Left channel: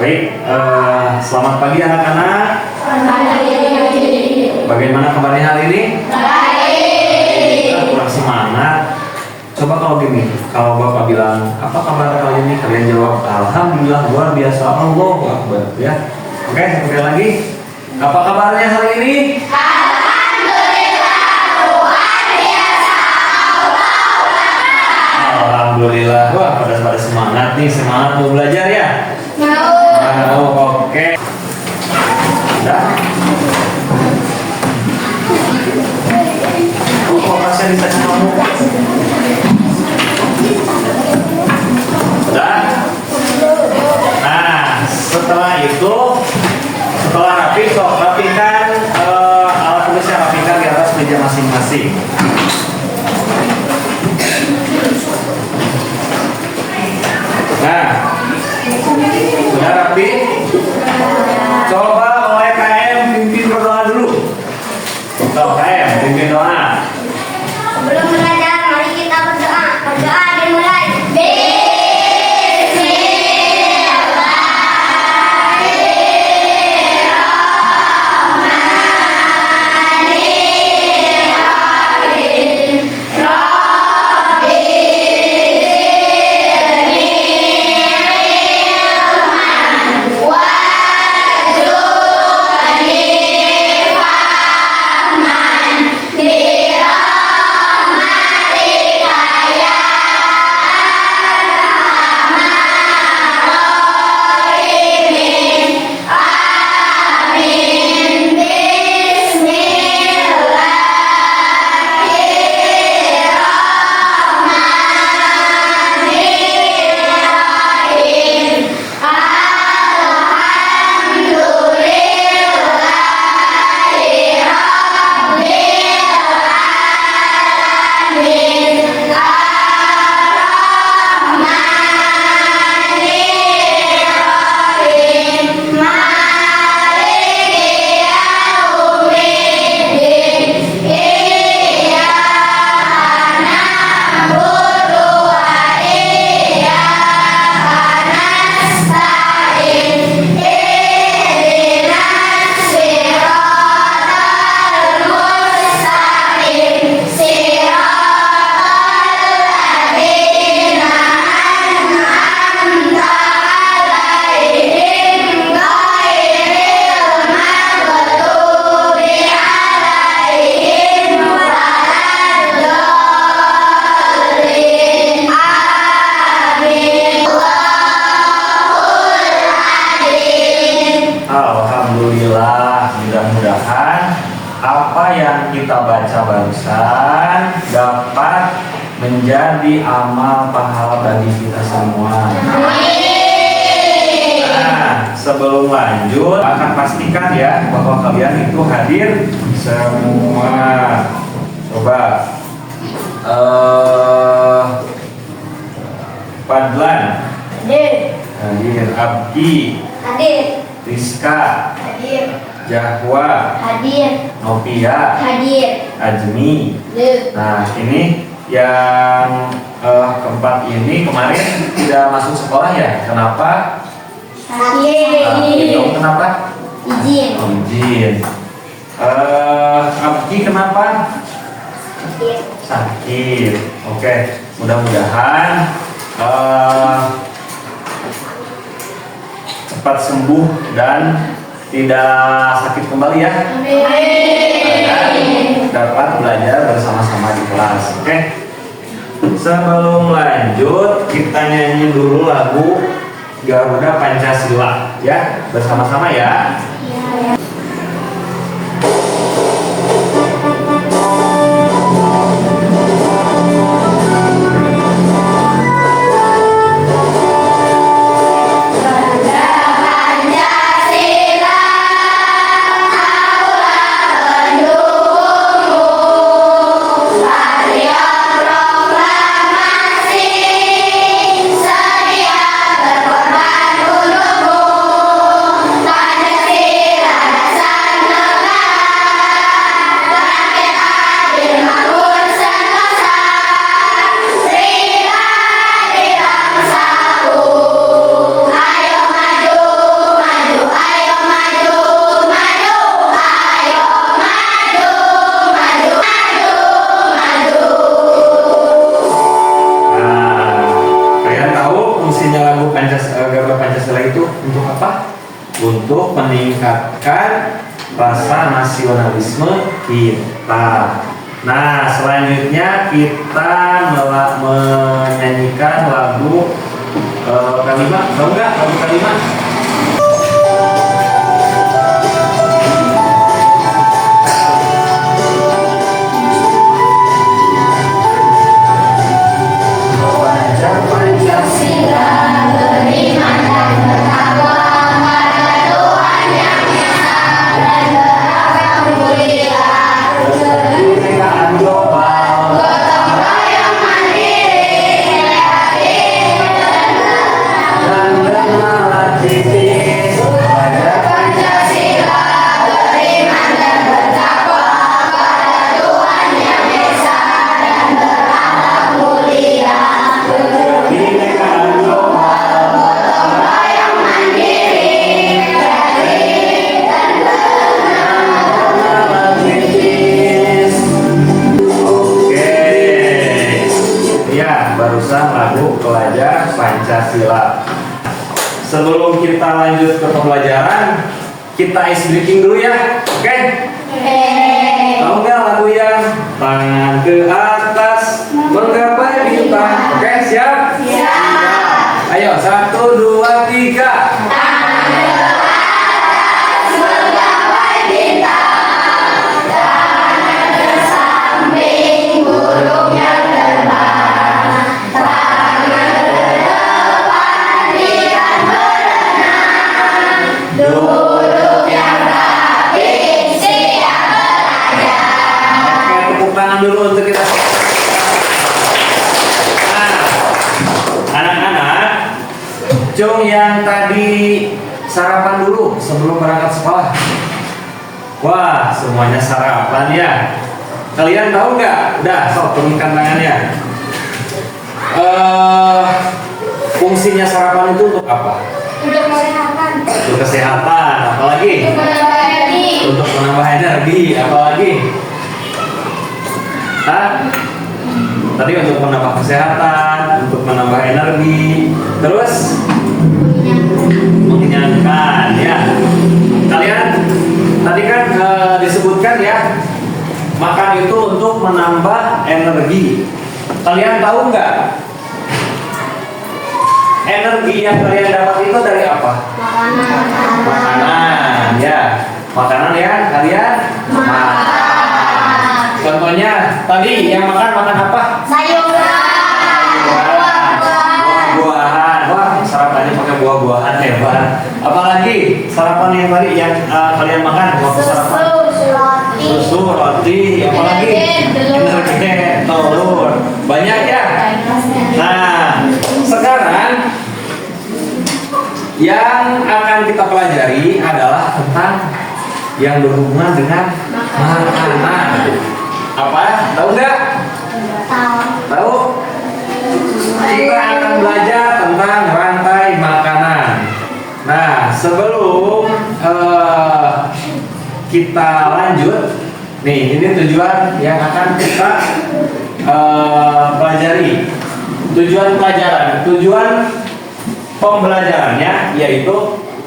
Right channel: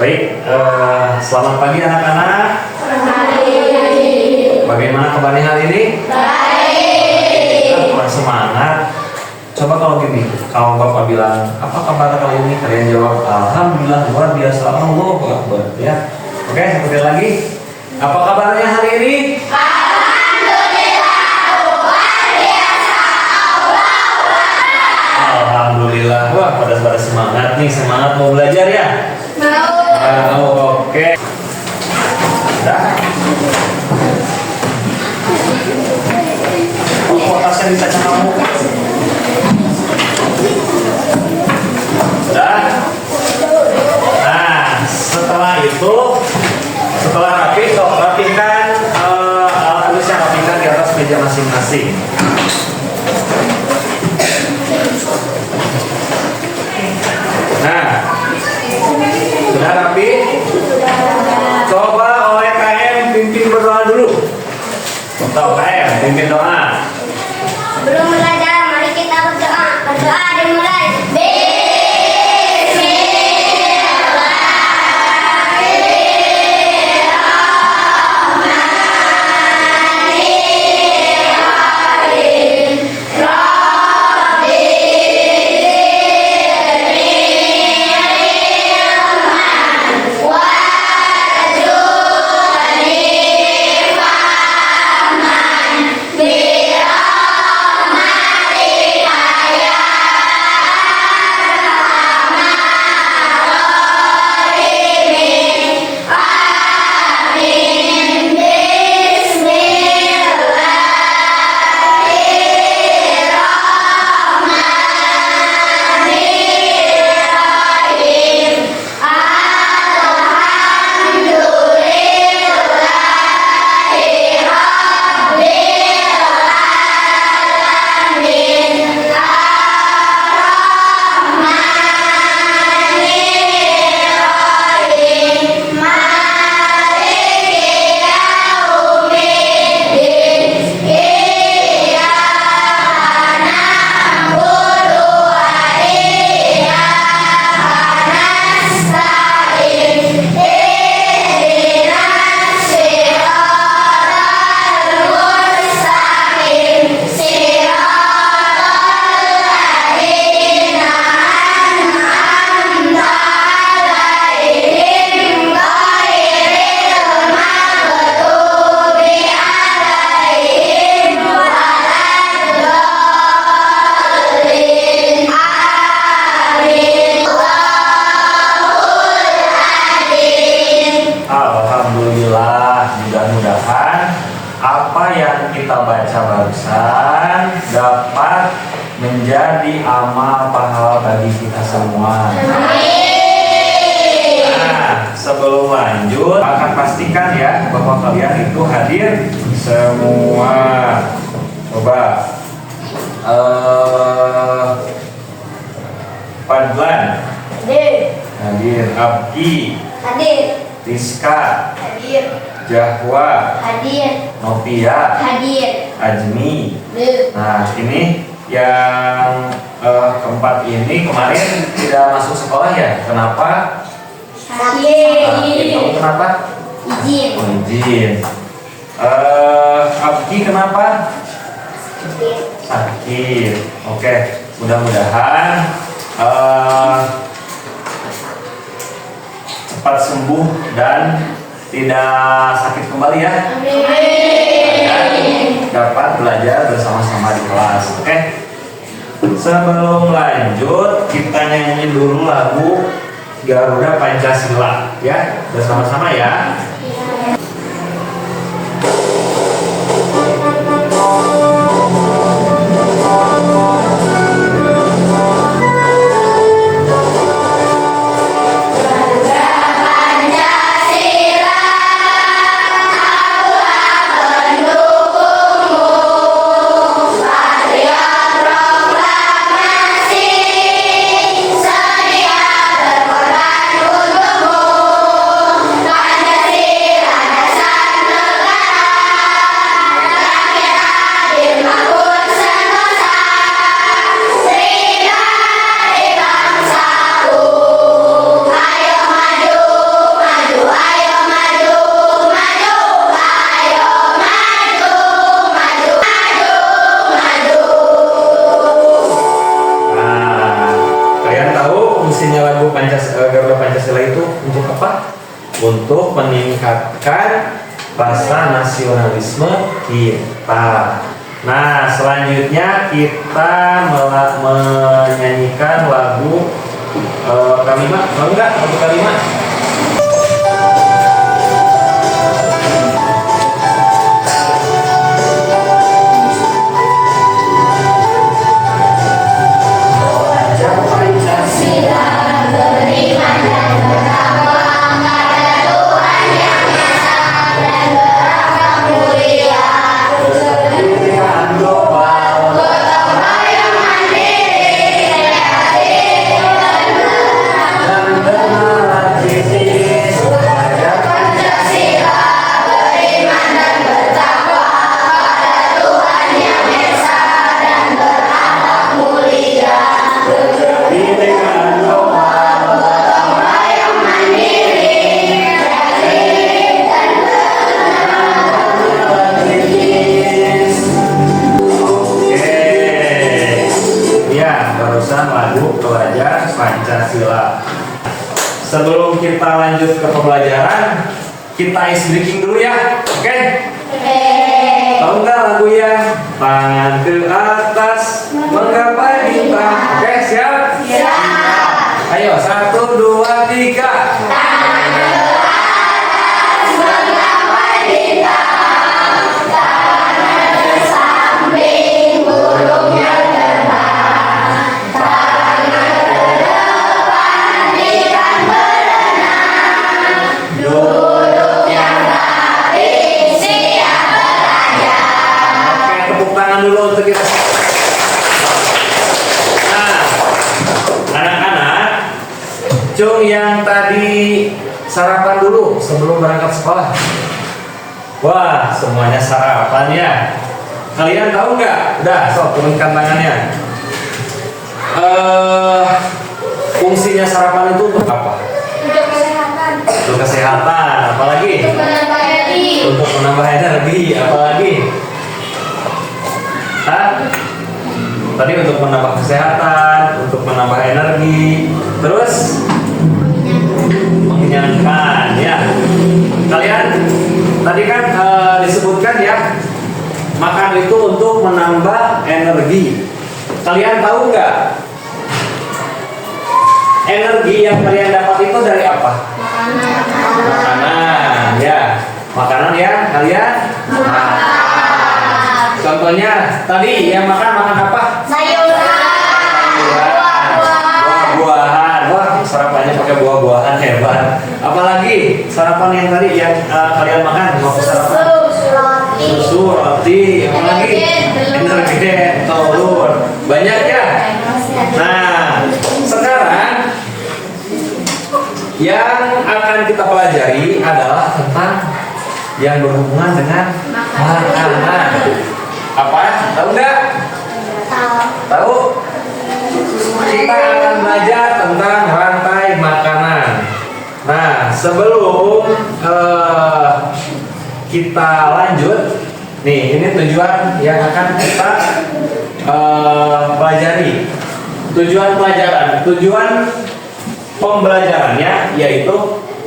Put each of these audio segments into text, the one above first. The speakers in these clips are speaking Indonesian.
Baik, selamat pagi anak-anak. Selamat pagi. Bagaimana kabarnya hari ini? Baik. Kurang semangat. Coba kalau gini, kalau Bapak bilang, apa kabar kali ini? Kalian jawab, Alhamdulillah, luar biasa, Allahu Akbar. Ya. Oke, sekali lagi. Apa kabarnya hari ini? Alhamdulillah, luar biasa. Alhamdulillah. Wah, pada semangat nih, semangat mau belajar ya? Mau. Oke. Udah. Oh, tasnya bisa kamu. Dan nah, setelah itu, setelah rapikan alat tulisnya, rapikan di atas meja masing-masing. Nah, udah rapi? Coba OEKM pimpin berdoa dulu. OEKM pimpin doa. Sebelum belajar, mari kita berdoa. Berdoa dimulai. Alhamdulillah, mudah-mudahan apa yang kita baca barusan dapat menjadi amal pahala bagi kita semua. Nah, sebelum lanjut, akan pastikan ya bahwa kalian itu hadir semua. Coba, Fadlan hadir, Abdi, Hadir. Rizka, Hadir. Jahwa, Hadir. Novia, Hadir. Ajmi. Hadir. Nah, ini yang keempat ini kemarin tidak masuk sekolah ya? Kenapa? Itu kenapa? Izin. Oh, izin. Abdi kenapa? Sakit. Oke, mudah-mudahan cepat sembuh dan tidak sakit kembali ya. Dan dapat belajar bersama-sama di kelas. Oke. Sebelum lanjut, kita nyanyi dulu lagu Garuda Pancasila ya, bersama-sama ya. Sedia berkorban untukmu, Pancasila. lagu Garuda Pancasila itu untuk apa? Untuk meningkatkan rasa nasionalisme kita. Nah, selanjutnya kita menyanyikan lagu kalimat. Tahu nggak lagu kalimat? Lagu Pelajar Pancasila. Sebelum kita lanjut ke pembelajaran, kita ice breaking dulu ya, oke? Tahu nggak lagu yang tangan ke atas menggapai bintang? Oke, siap? Siap. Ayo, 1, 2, 3. Dulu untuk kita. Nah, anak-anak, cung yang tadi sarapan dulu sebelum berangkat sekolah. Wah, semuanya sarapan ya. Kalian tahu nggak? Udah, sok turunkan tangannya. Fungsinya sarapan itu untuk apa? Untuk kesehatan. Untuk kesehatan. Apalagi? Untuk menambah energi. Untuk menambah energi. Apalagi? Tadi untuk menambah kesehatan, untuk menambah energi, terus mengenyangkan ya. Kalian tadi kan disebutkan ya, makan itu untuk menambah energi. Kalian tahu nggak? Energi yang kalian dapat itu dari apa? Makanan ya. Makanan yang kalian makan. Contohnya tadi yang makan apa? Sayuran. Buah-buahan. Wah, sarapannya pakai buah-buahan, hebat. Apalagi sarapan yang tadi yang kalian makan? Susu, roti. Apalagi? Energi, telur. Banyak ya? Nah, sekarang yang akan kita pelajari adalah tentang yang berhubungan dengan makanan. Apa? Tahu nggak? Tahu? Kita akan belajar tentang rantai makanan. Nah, sebelum kita lanjut, nih ini tujuan yang akan kita pelajari. Tujuan pembelajarannya yaitu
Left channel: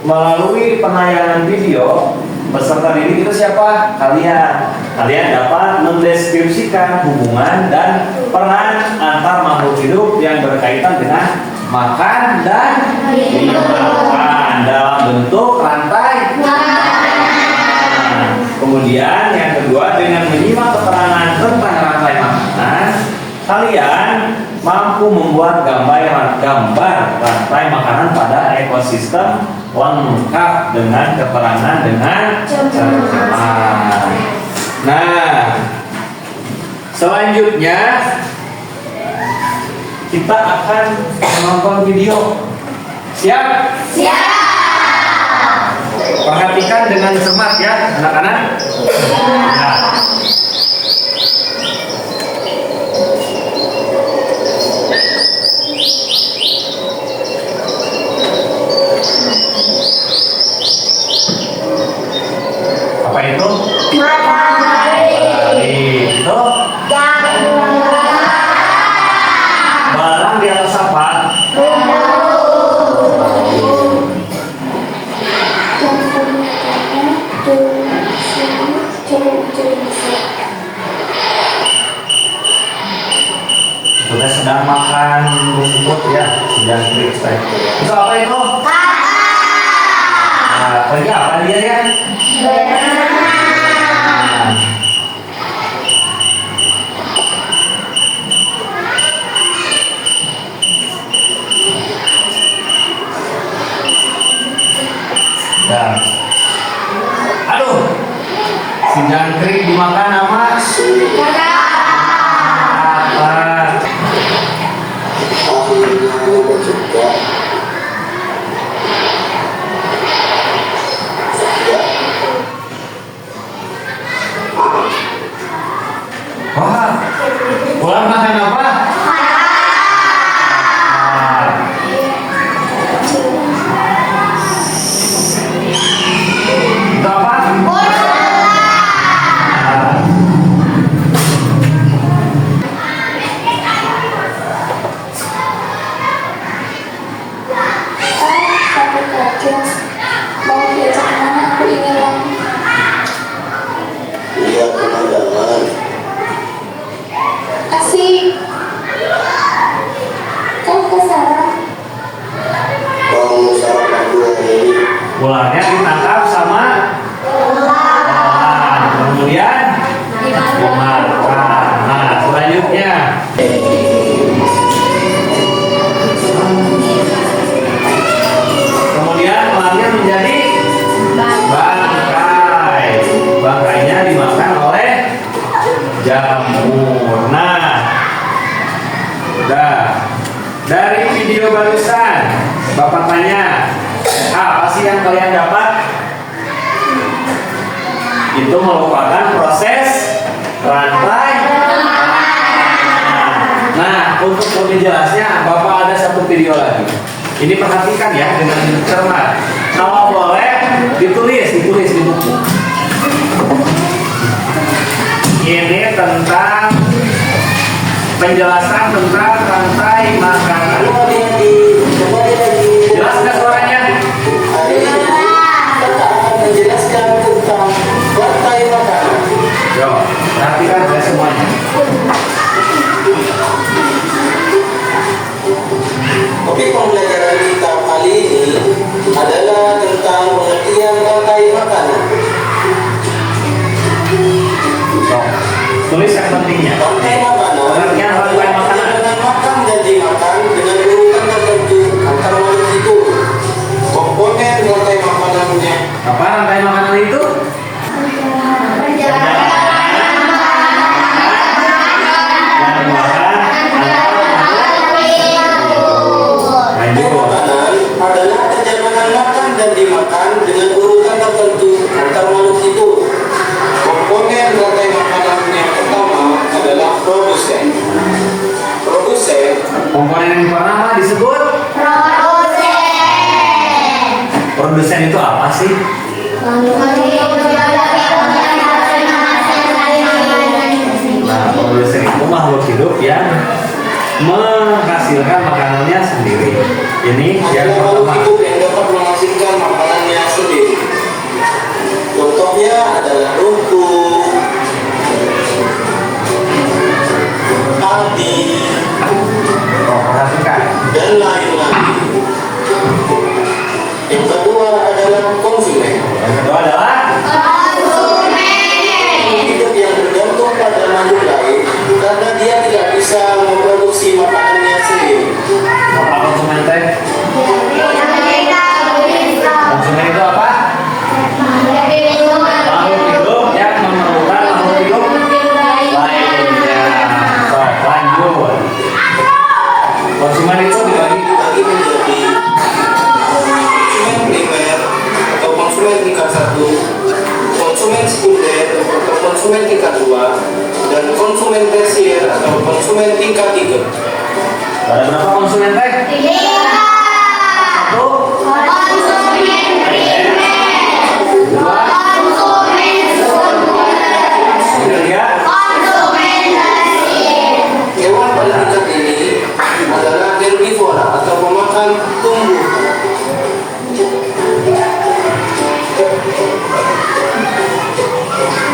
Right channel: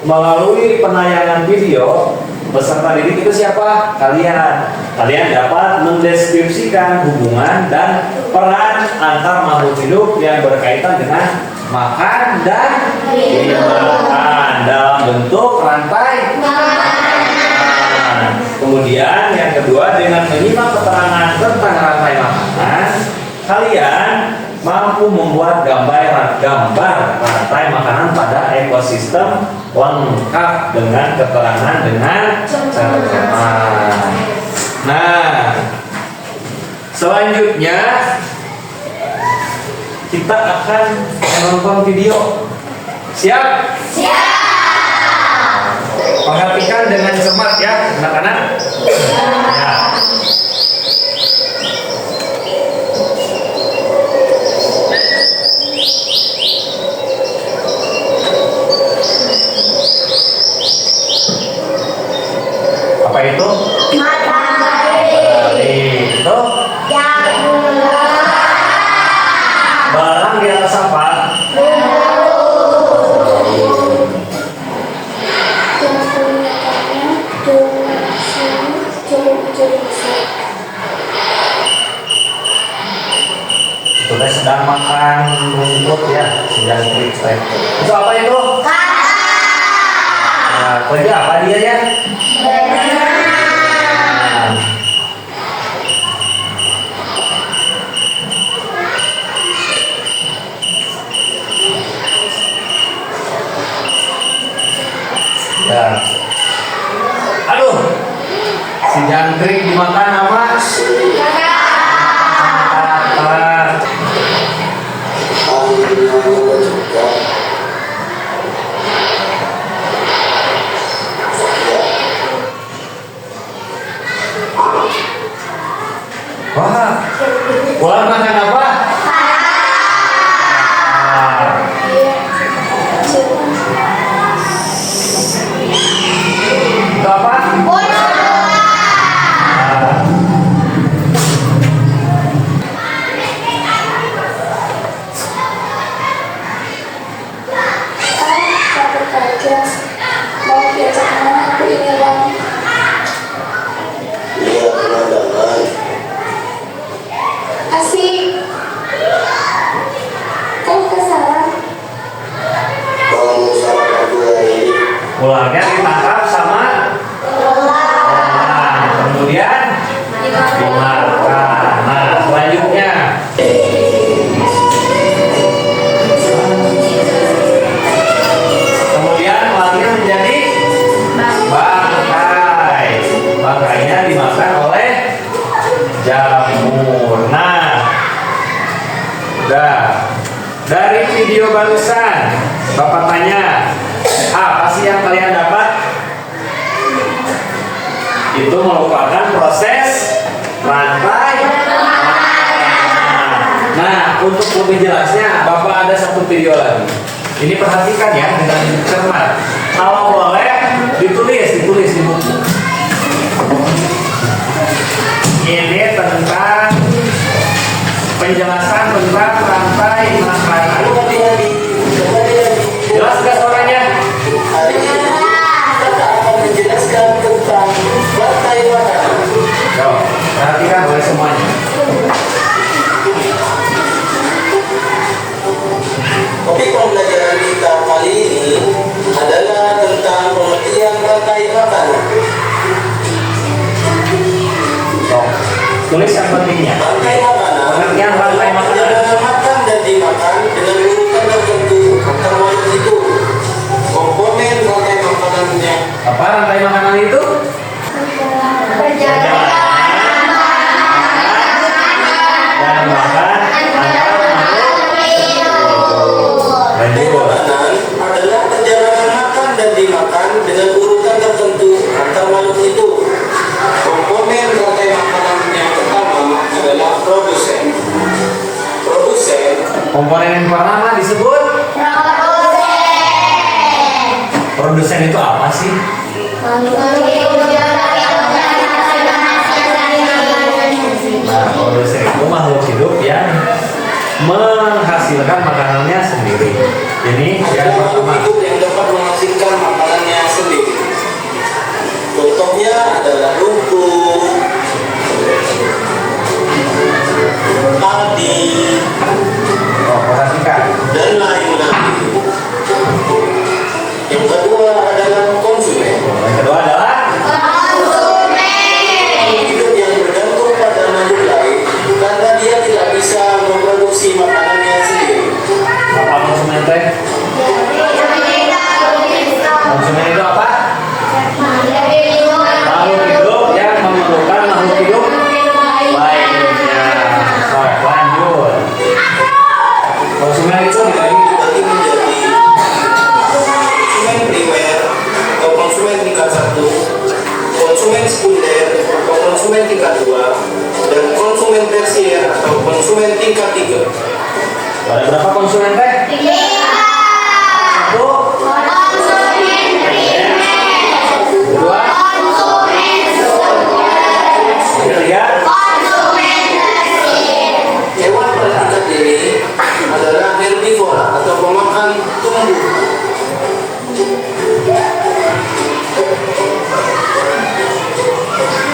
melalui penayangan video. Peserta didik itu siapa? Kalian dapat mendeskripsikan hubungan dan peran antar makhluk hidup yang berkaitan dengan makan dan dimakan dalam bentuk rantai makanan. Kemudian yang kedua, dengan menyimak keterangan tentang rantai makanan, kalian mampu membuat gambar rantai makanan pada ekosistem lengkap dengan keterangan dengan cermat. Nah, selanjutnya kita akan menonton video. Siap? Siap. Perhatikan dengan cermat ya, anak-anak. Nah. Apa itu? Matahari. Itu Yang barang di atas apa? bumbu. Apa itu? Nah, kerja apa dia ya? Ya. Aduh, si jangkrik dimakan apa? Apa? Wah, ular makan apa? Itu apa? Sahabat Bagas, mau diajak kemana aku ini bang? Iya, pemandangan. Asik. Kau kesana? Kamu salah satu hari ini. Ularnya ditangkap sama ular. Kemudian dimakan. Nah, selanjutnya kemudian ularnya menjadi bangkai. Bangkainya dimakan oleh jamur. Nah, udah. Dari video barusan, Bapak tanya, apa sih yang kalian dapat? Itu merupakan proses rantai. Nah, untuk lebih jelasnya, Bapak ada satu video lagi. Ini perhatikan ya dengan cermat. Kalau boleh ditulis di buku. Ini tentang penjelasan tentang rantai makanan. Jelas nggak suaranya? Hari ini kita akan menjelaskan tentang rantai makanan. Yo, perhatikan oleh semuanya. Topik pembelajaran kita kali ini adalah tentang pengertian rantai makanan. Yo, tulis yang pentingnya. Rantai makanan Pengertian rantai makanan. adalah makan dan dimakan dengan urutan tertentu antar makhluk hidup. Komponen rantai makanannya Apa rantai makanan itu? Dan dimakan lanjut. makanan adalah perjalanan makan dan dimakan dengan urutan tertentu antar makhluk hidup. Komponen rantai makanan yang pertama adalah produsen. Produsen Komponen yang pertama disebut produsen itu apa sih? Nah, produsen itu makhluk hidup yang menghasilkan makanannya sendiri. Ini yang adalah makhluk pertama. hidup yang dapat menghasilkan makanannya sendiri. Contohnya adalah rumput, padi, Oh, perhatikan. dan lain-lain. Yang kedua adalah konsumen. Yang kedua adalah Hidup yang bergantung pada makhluk lain karena dia tidak bisa memproduksi makanannya sendiri. apa konsumen teh? Konsumen itu apa? Makhluk hidup yang memerlukan makhluk hidup lainnya. So, lanjut. Konsumen itu dibagi Dibagi menjadi konsumen primer atau konsumen tingkat 1, konsumen sekunder atau konsumen tingkat 2, dan konsumen tersier atau konsumen tingkat 3. ada berapa konsumen teh? Satu, dua, tiga. Hewan pada tingkat ini adalah herbivora atau pemakan tumbuhan.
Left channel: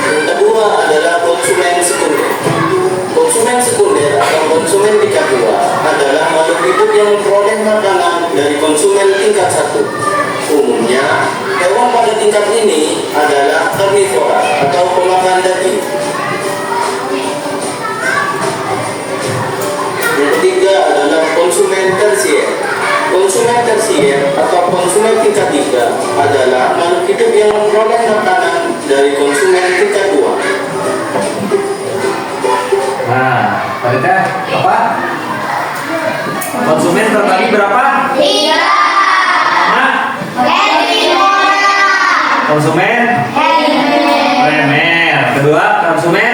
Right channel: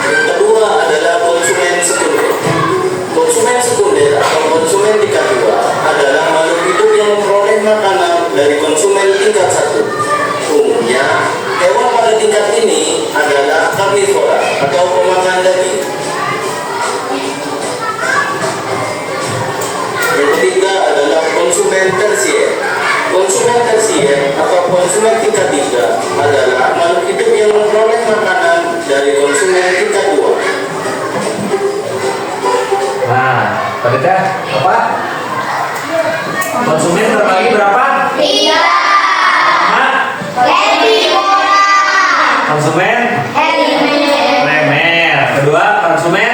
Yang kedua adalah konsumen sekunder. Konsumen sekunder atau konsumen tingkat 2 adalah makhluk hidup yang memperoleh dari konsumen tingkat 1. Umumnya, hewan pada tingkat ini adalah herbivora atau pemakan daging. Yang ketiga adalah konsumen tersier. Konsumen tersier atau konsumen tingkat 3 adalah makhluk hidup yang memperoleh makanan dari konsumen tingkat 2. Nah, pada apa? Konsumen terbagi berapa? 3. Hah? Herbivora. Konsumen primer. Kedua, konsumen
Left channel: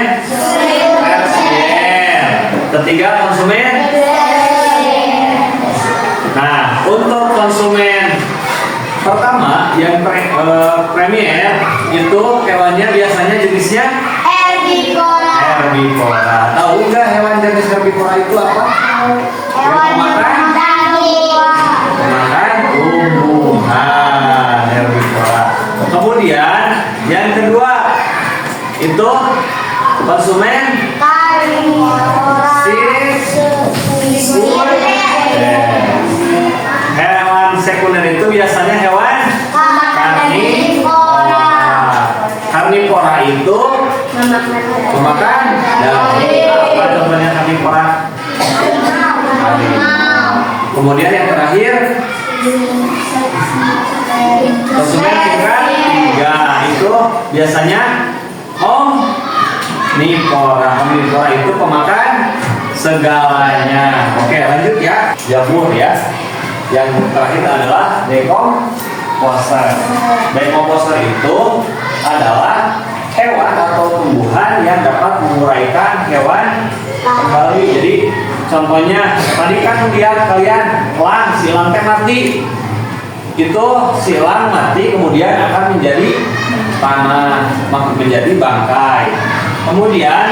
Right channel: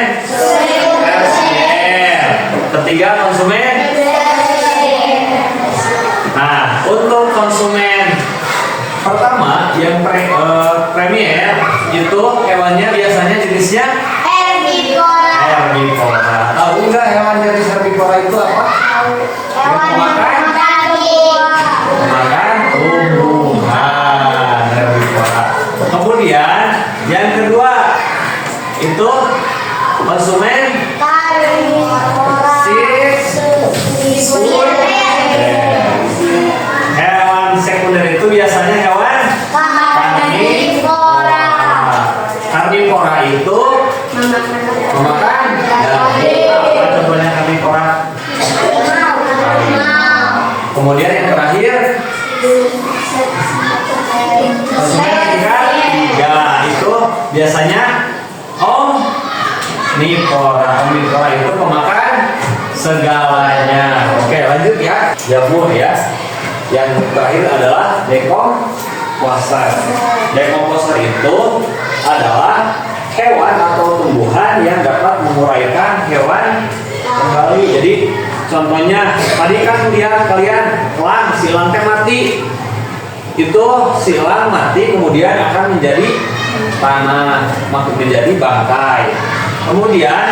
tersier. Ketiga, konsumen. Nah, untuk konsumen pertama yang premier itu hewannya biasanya jenisnya Herbivora. herbivora. Tahu nggak hewan jenis herbivora itu apa? Hewan yang makan daging. Makan tumbuhan, herbivora. Kemudian yang kedua itu konsumen Karnivora. hewan sekunder itu biasanya hewan Karnivora. Karnivora itu memakan daging. Apa contohnya karnivora? Kemudian yang terakhir konsumen tingkat 3 itu biasanya omnivora. Omnivora itu pemakan segalanya. Oke, lanjut ya. Jamur ya. Yang terakhir adalah decomposer. Decomposer itu adalah hewan atau tumbuhan yang dapat menguraikan hewan kembali. Jadi contohnya tadi kan lihat kalian silang teh mati. Itu silang mati kemudian akan menjadi tanah, menjadi bangkai. Kemudian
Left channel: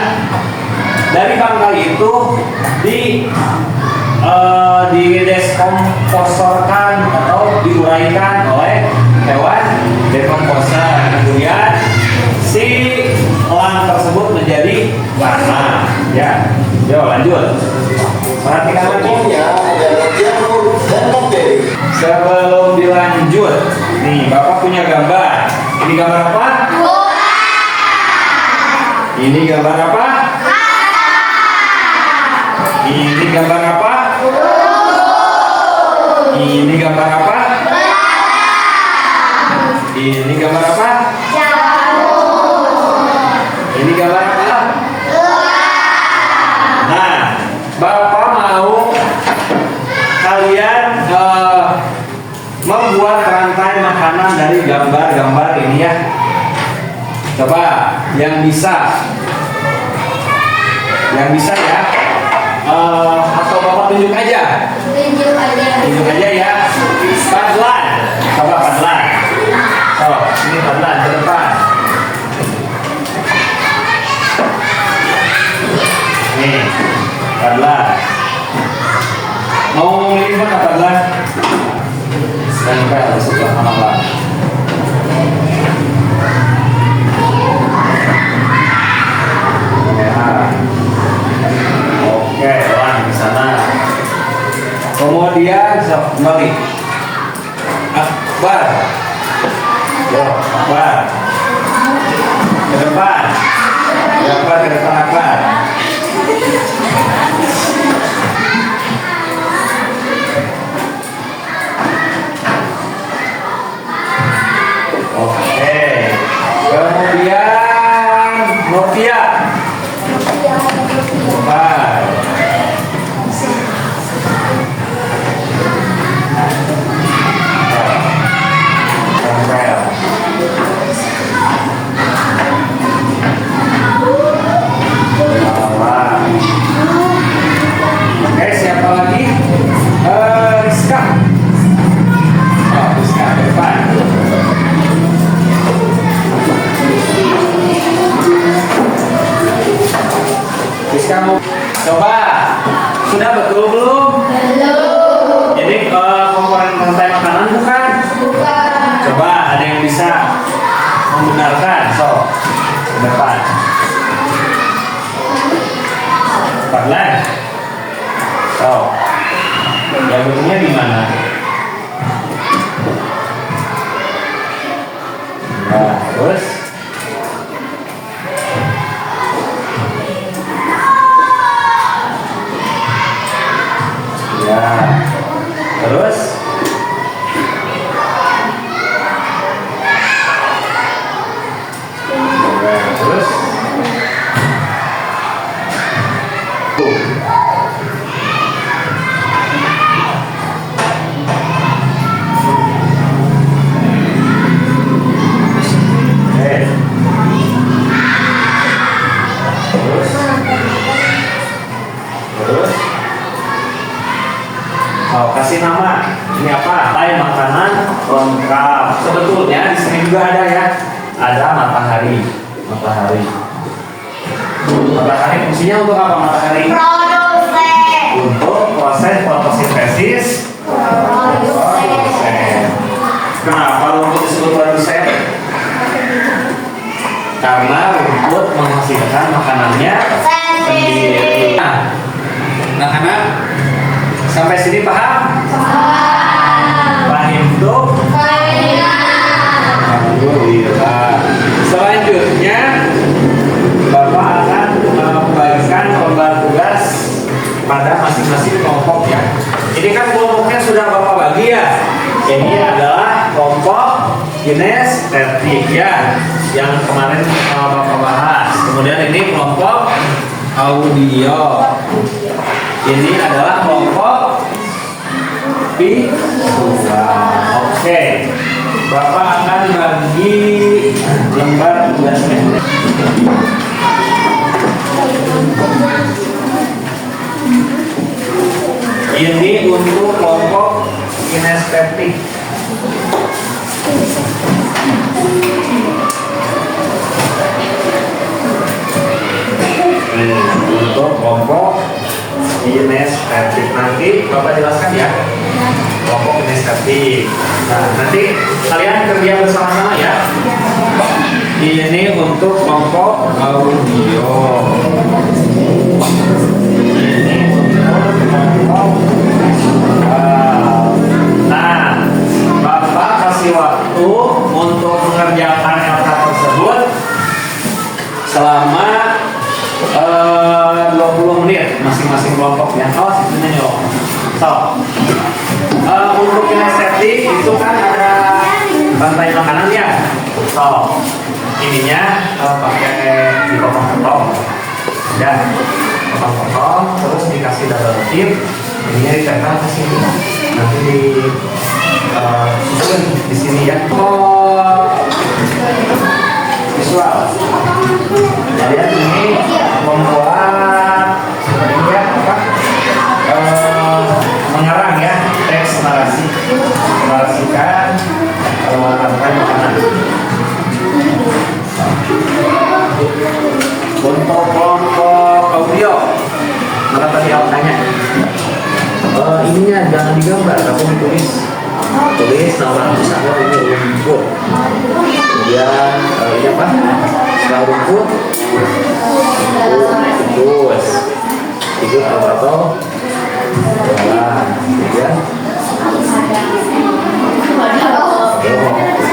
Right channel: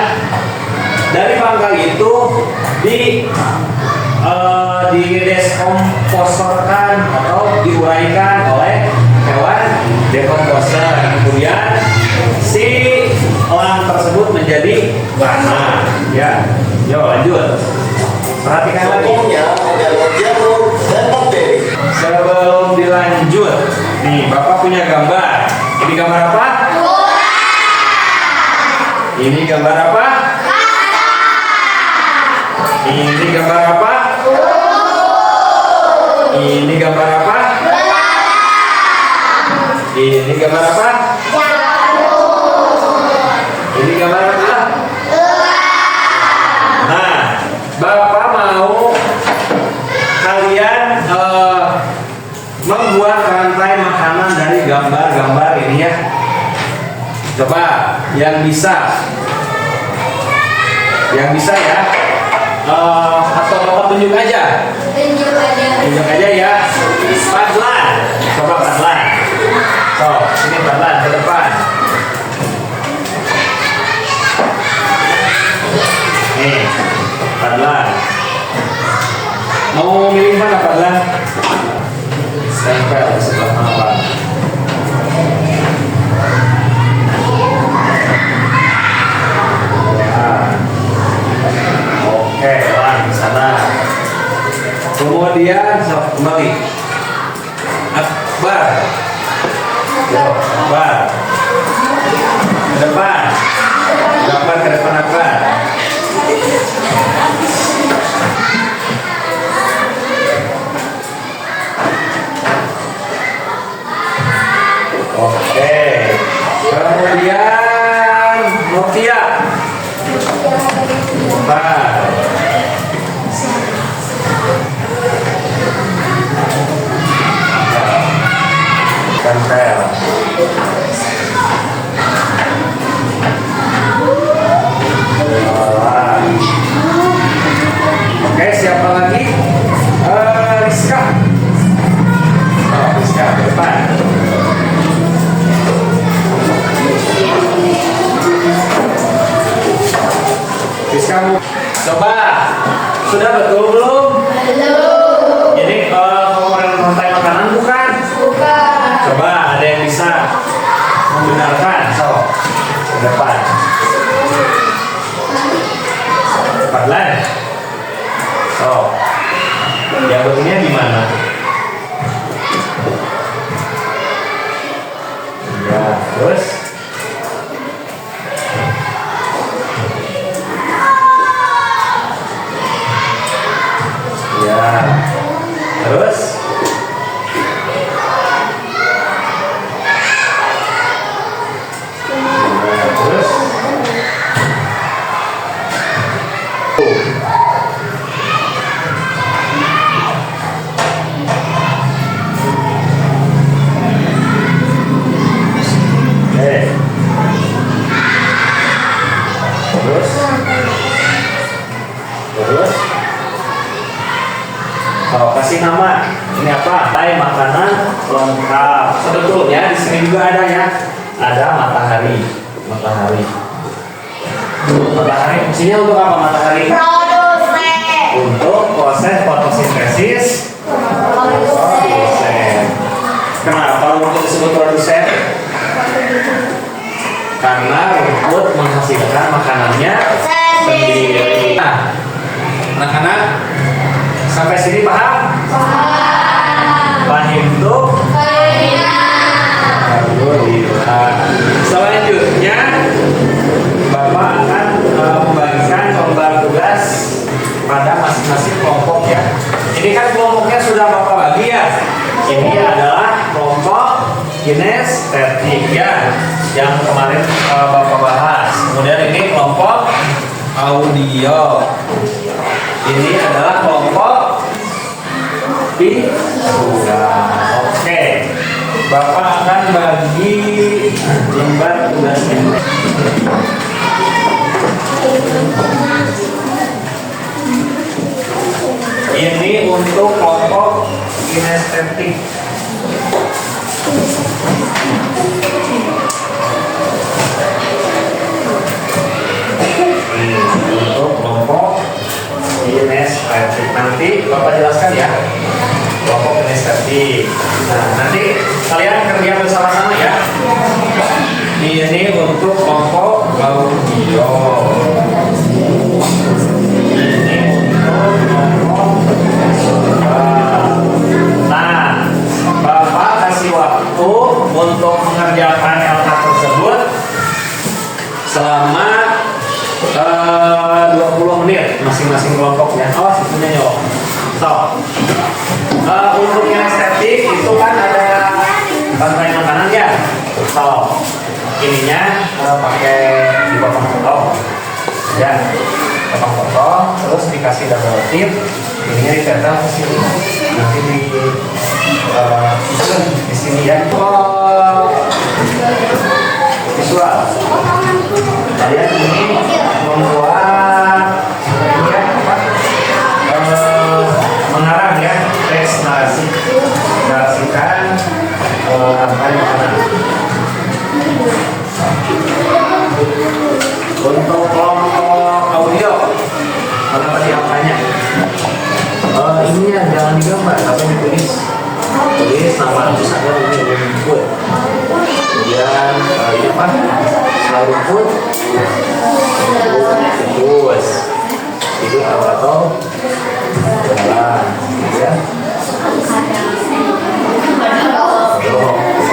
dari bangkai itu dideskomposerkan atau diuraikan oleh hewan decomposer. Kemudian si elang tersebut menjadi tanah. Ya, yuk lanjut. Perhatikan lagi. Contohnya adalah jamur dan bakteri. Sebelum dilanjut, nih Bapak punya gambar. Ini gambar apa? Ini gambar apa? Ini gambar apa? Ini gambar apa? Ini gambar apa? Ini gambar apa? Nah, Bapak mau kalian membuat rantai makanan dari gambar-gambar ini ya. Coba yang bisa ya. Atau Bapak tunjuk aja. Tunjuk aja ya. Padlan. Coba Padlan. So, ini Padlan ke depan. Nih, Padlan. Mau milih mana Padlan? Nempel di sebelah mana Pak? Oke, Wan, di sana. Kemudian kembali. Akbar. Yo, Akbar. Ke depan. Akbar ke depan Akbar. Oke. Kemudian Nokia. Akbar. Tempel. Oke, siapa lagi? Rizka. Oh, Rizka ke depan. Rizka mau coba. Sudah betul belum? Belum. Jadi komponen rantai makanan bukan? Coba ada yang bisa membenarkan. So, depan. Padlan. So, jabutnya di mana? Terus. Ya. Terus. Ya, terus. Terus mau kasih nama ini apa? Makanan lengkap. Sebetulnya di sini juga ada ya. Ada matahari. Matahari fungsinya untuk apa matahari? Untuk proses fotosintesis. Kenapa rumput disebut produsen? Karena rumput menghasilkan makanannya sendiri. Nah, anak-anak sampai sini paham? Paham tuh? Alhamdulillah. Selanjutnya Bapak akan membagikan lembar tugas pada masing-masing kelompok ya. Ini kan kelompoknya sudah Bapak bagi ya. Ini adalah kelompok kinestetik ya, yang kemarin Bapak bahas. Kemudian ini kelompok audio. Ini adalah kelompok visual. Oke. Bapak akan bagi lembar tugasnya. Ini untuk kelompok kinestetik. Untuk kelompok kinestetik nanti Bapak jelaskan ya. Kelompok kinestetik. Nah, nanti kalian kerja bersama-sama ya. Ini untuk kelompok audio. Ini untuk kelompok nah, Bapak kasih waktu untuk mengerjakan kata tersebut selama 20 menit masing-masing kelompoknya. Oh, situnya yuk. So, untuk kinestetik itu kan ada bantuan makanan ya. So, ininya pakai dipotong-potong, ya, potong-potong, terus dikasih double tip. Ininya ditempel ke sini, nanti di sini ya. Visual. Kalian ini membuat ini ya apa? Mengarang ya, teks narasi, narasikan rantai makanan. Untuk kelompok audio, mana tadi angkanya? Ininya jangan digambar, tapi ditulis. Tulis nama misalnya ini rumput. Kemudian ini apa? Setelah rumput, terus itu atau jalan, ya.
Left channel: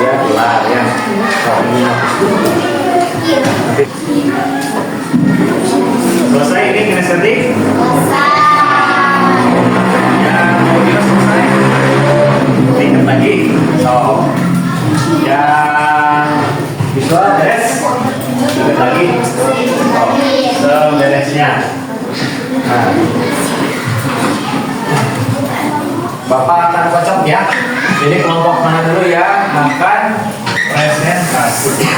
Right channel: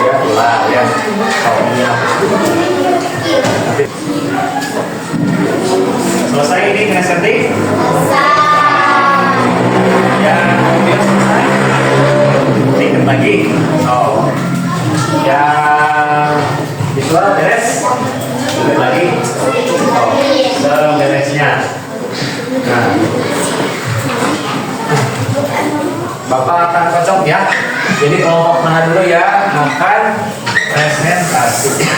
Ya, ulang ya. Soalnya nanti selesai ini kinestetik. Yang kemudian selesai tingkat lagi. So, yang visual beres, tingkat lagi. So, seberesnya. Nah, Bapak akan kocok ya. Jadi kelompok tengah dulu ya, makan presentasi.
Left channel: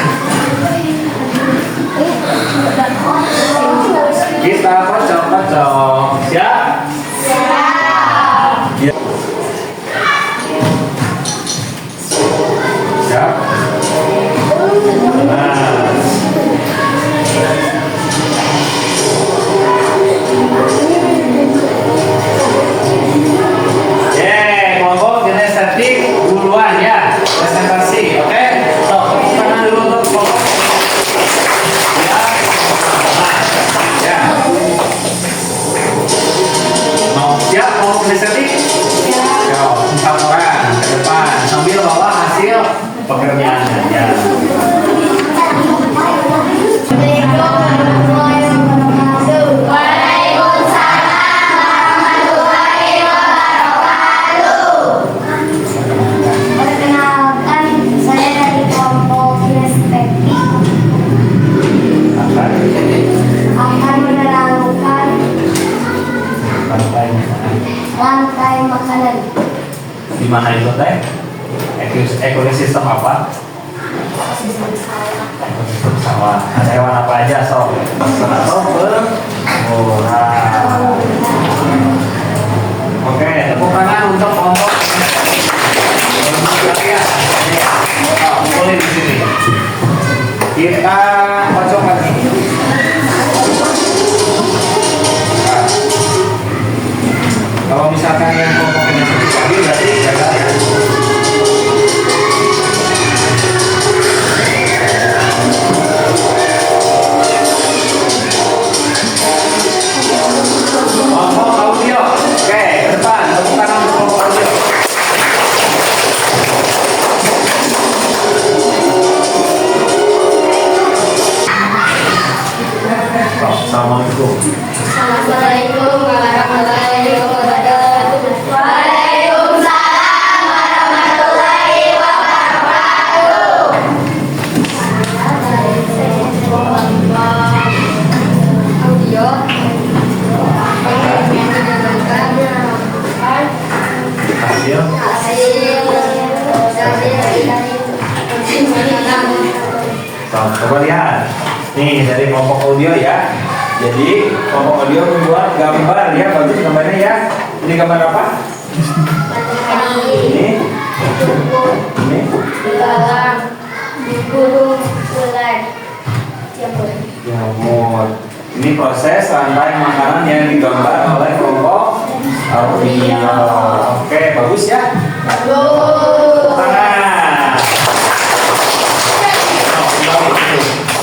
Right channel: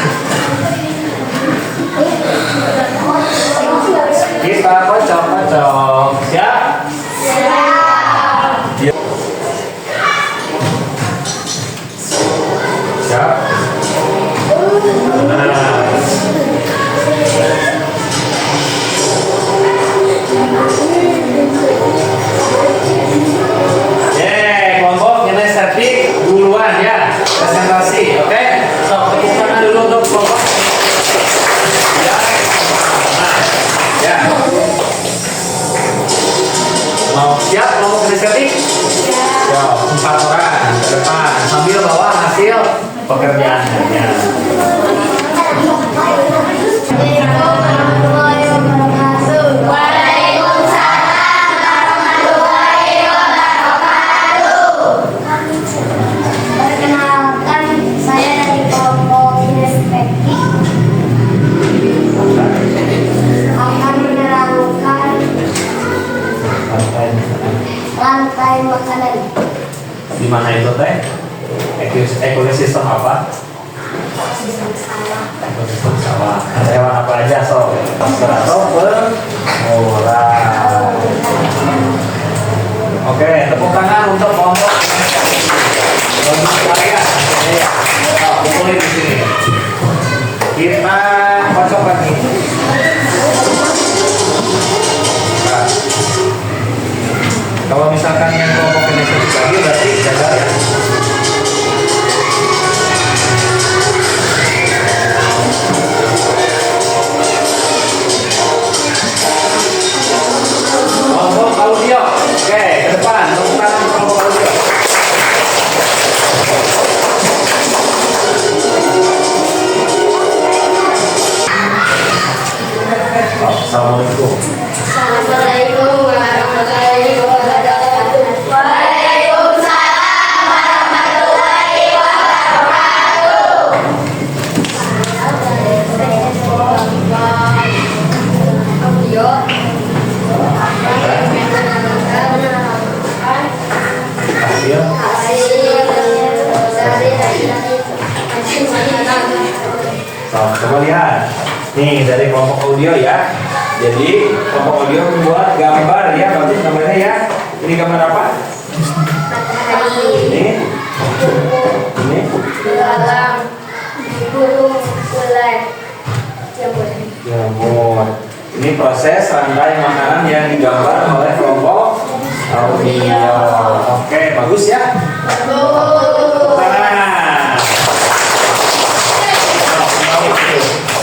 Kita kocok-kocok. Siap? Siap. Siap? Nah. Kelompok kinestetik duluan ya, presentasi, oke? So, tepuk tangan dulu untuk kelompok. Ya. Ya. Mau siap kelompok kinestetik? Ya, 4 orang ke depan sambil bawa hasil pekerjaannya. ekosistem apa? Ekosistem sawah. Ada hewan apa aja sob? Atau bermurah. Oke, tepuk tangan untuk kelompok berkarya. Boleh di sini. Kita kocok lagi. Nah, kalau misalkan yang kelompok ini sedikit lagi berarti gagal ya. Kelompok audio. Oke, ke depan. Tepuk tangan untuk kelompok audio. Assalamualaikum. Assalamualaikum warahmatullahi wabarakatuh. Waalaikumsalam warahmatullahi wabarakatuh. Audio. Hasil. Coba lihat. Nih dari kelompok audio ya. Jadi kelompok audio membuat gambar ya, bagus gambarnya ya. Ini gambar apa? Ini. Ini. Dalam burung selai Jamur. Ini proses rantai makanan yang digambar oleh kelompok audio. Oke, bagus ya. Tangan.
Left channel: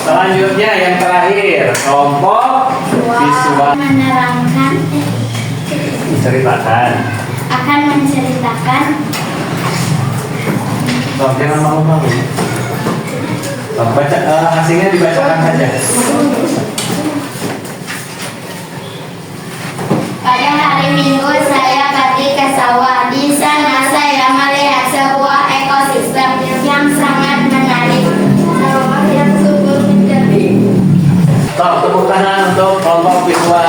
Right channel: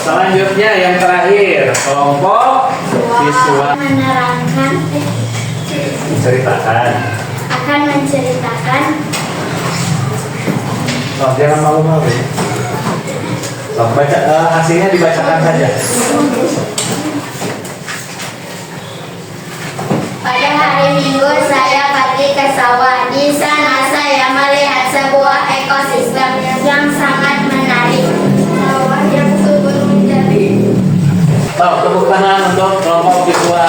Selanjutnya yang terakhir kelompok visual Menerangkan menceritakan. akan menceritakan Jangan malu-malu. Baca hasilnya dibacakan saja. Pada hari Minggu saya pergi ke sawah. Di sana saya melihat sebuah ekosistem yang sangat menarik. Sawah yang subur menjadi. Tepuk tangan untuk kelompok visual.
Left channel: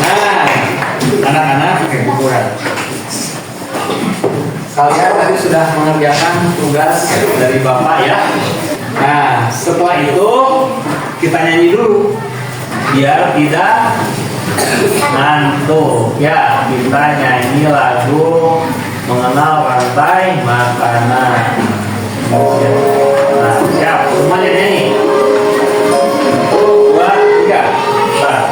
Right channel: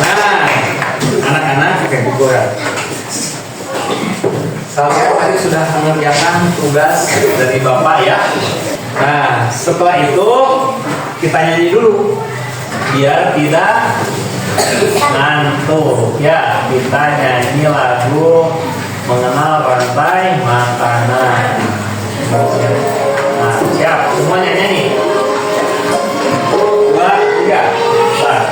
Nah, anak-anak kayak gitu ya. Kalian tadi sudah mengerjakan tugas dari Bapak ya. Nah, setelah itu kita nyanyi dulu biar tidak ngantuk ya. Kita nyanyi lagu mengenal rantai makanan. Ya. Nah, siap semuanya nyanyi. 1, 2, 3. Start.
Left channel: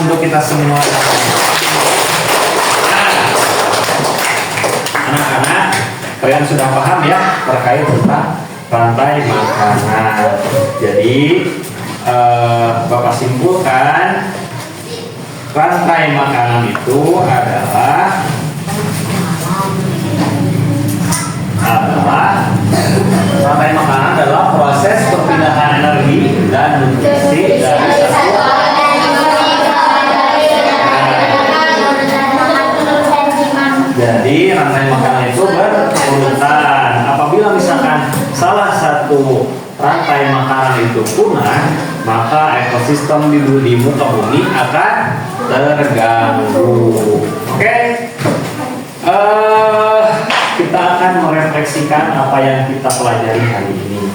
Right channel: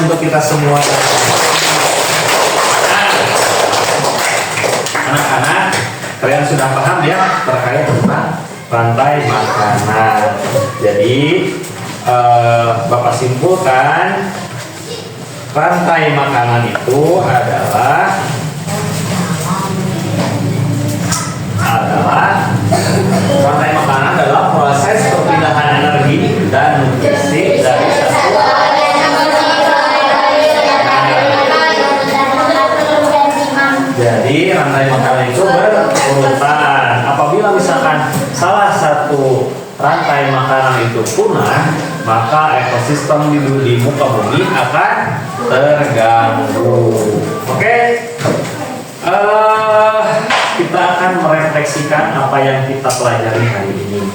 Untuk kita semua. Nah, anak-anak, kalian sudah paham ya terkait tentang rantai makanan. Jadi Bapak simpulkan rantai makanan itu adalah rantai makanan adalah proses perpindahan energi dan nutrisi dari satu. Jadi rantai makanan itu berurutan. Apabila misalkan salah satu rantai makanan itu punah, maka ekosistem di muka bumi akan terganggu. Oke? Kita akan merefleksikan apa yang kita pelajari hari ini.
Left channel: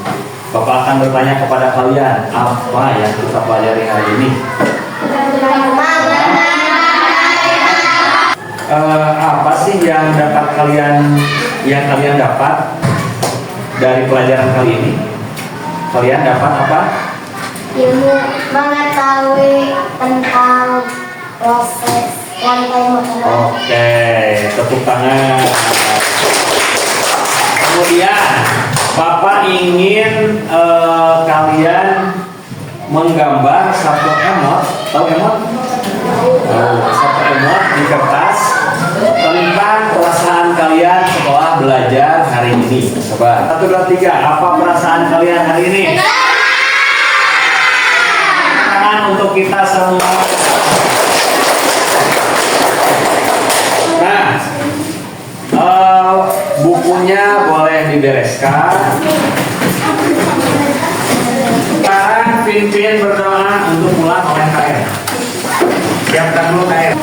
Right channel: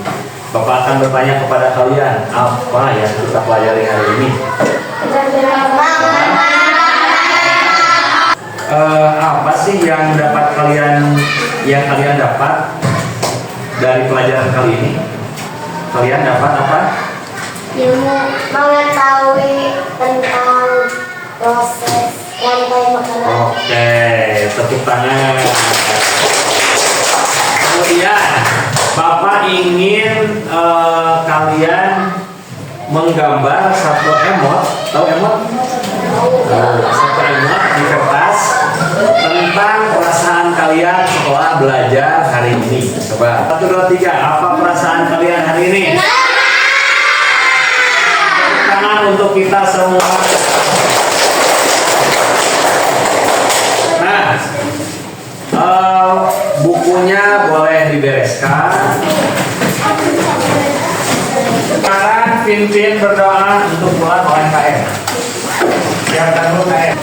Bapak akan bertanya kepada kalian, apa yang kita pelajari hari ini? Apa sih yang kalian dapat dari pelajaran kali ini? Kalian dapat apa? Ilmu mengetahui tentang proses rantai makanan. Oke, tepuk tangan. Kemudian Bapak ingin kalian menggambar satu emot. Tahu emot? Satu emot muat di kertas tentang perasaan kalian setelah belajar hari ini. Coba 1, 2, 3. Apa perasaan kalian hari ini? Tangan untuk kita semua. Nah, bukunya boleh dibereskan. Sekarang Pin berdoa untuk pulang UMKM. Siapkan dulu KM.